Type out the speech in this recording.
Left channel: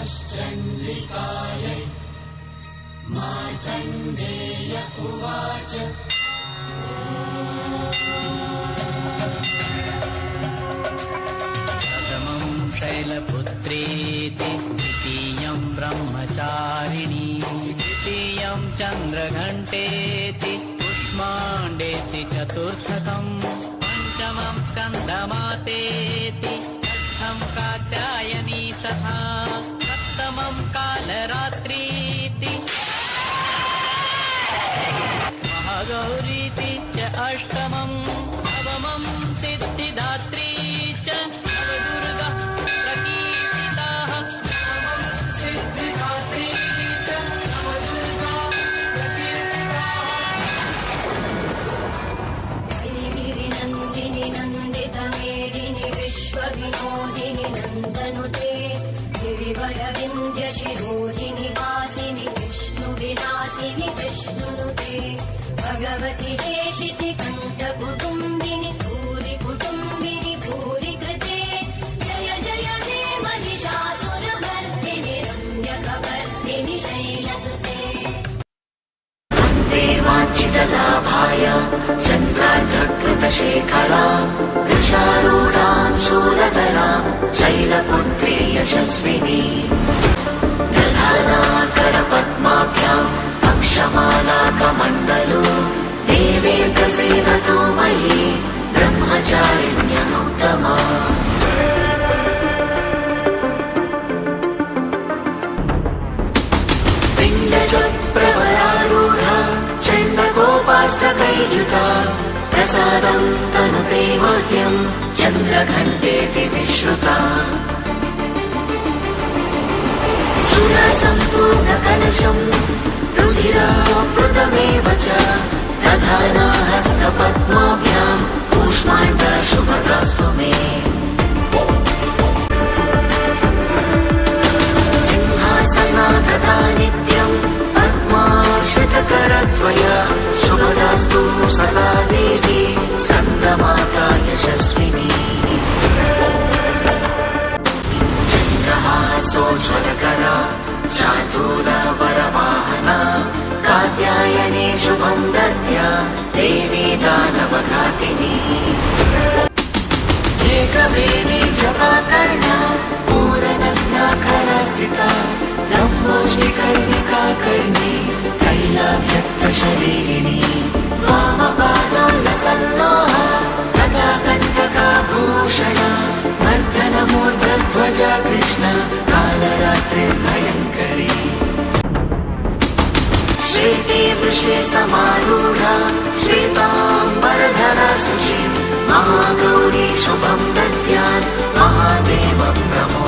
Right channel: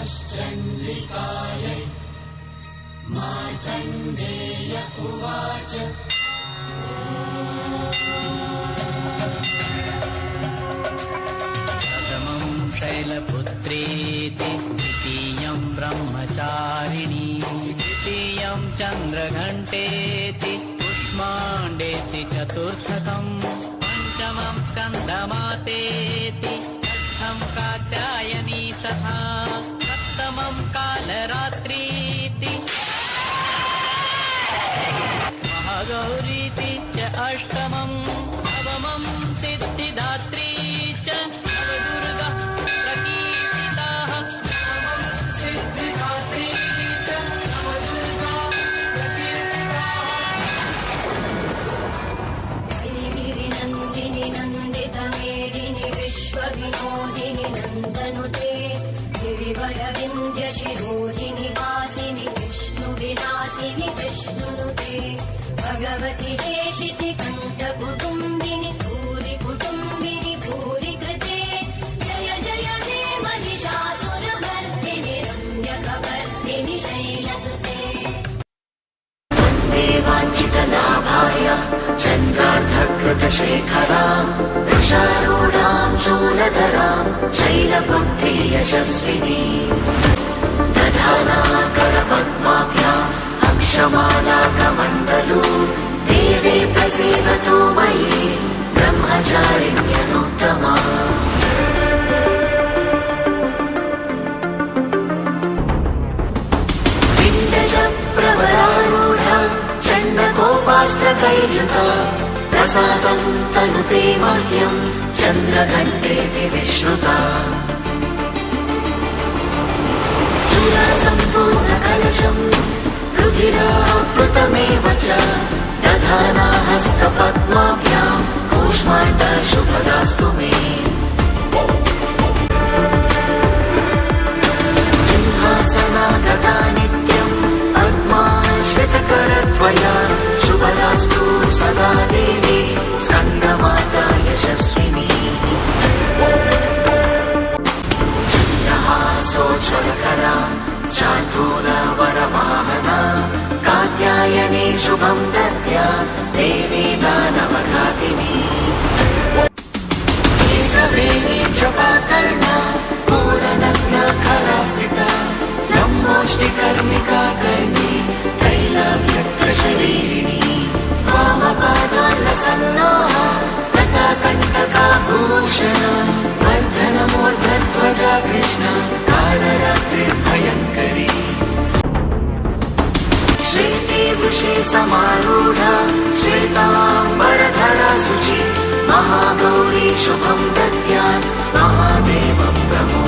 नमश्चण्डिकायै मार्कण्डेय उवाच प्रथमं शैलपुत्रेति द्वितीयं ब्रह्मचारिणी तृतीयं चन्द्रघण्टेति कुष्माण्डेति चतुर्थकम् पंचमं स्कन्दमातेति षष्ठं कात्यायनी तथा सप्तमं कालरात्रीति महागौरीति च अष्टमं नवमं सिद्धिदात्री च नवदुर्गा प्रकीर्तिताः सिद्धिदात्री च नवदुर्गा प्रकीर्तिताः श्रीगिरिनन्दिनि नन्दितमेदिनि विश्वविनोदिनि नन्दनुते गिरिवरविन्द्यशिरोधिनि वासिनि विष्णुविलासिनि विष्णुनुते भगवति देशिति कण्ठकुटुम्बिनि भूरि कुटुम्बिनि भूरि कृते जय जय हे महिषासुरमर्दिनि रम्यकवर्दिनि शैलसुते वाञ्छितलाभाय चन्द्रार्धकृतशेखरां वृषारूढां शूलधरां शैलपुत्री यशस्विनी दधाना करपद्माभ्याम् अक्षमालाकमण्डलो देवी प्रसीदतु मयि ब्रह्मचारिण्यनुत्तमा प्रवरारूढा चण्डकोपास्त्रकैर्युता प्रसादं तनुते मह्यं चन्द्रघण्टेति विश्रुता सुरसम्पूर्णकलशं रुधिराप्लुतमेव च दधाना हस्तपद्माभ्यां कूष्माण्डशुभदास्तु मे सिंहासनागता नित्यं पद्माश्रितकरत्वया शुभदास्तु सदा देवी स्कन्दमाता यशस्विनी चन्द्रहासोज्ज्वलकरा शार्दूलवरवाहना कात्यायनी शुभं दद्या देवी दानवघातिनी एकवेणी जपाकर्णा पूरनग्नाखरा स्थिता लम्बोष्टिकर्णिका कर्णी तैलव्यक्तशरीरिणी वामपादोल्लसल्लोहा तथा कण्टकाभूषणा वर्धनमूर्धध्वजा कृष्णा कालरात्रिर्भयङ्करी श्वेते वृषे समारूढा श्वेताम्बरधरा शुचि महागौरी शुभं दद्यात् महादेव प्रभो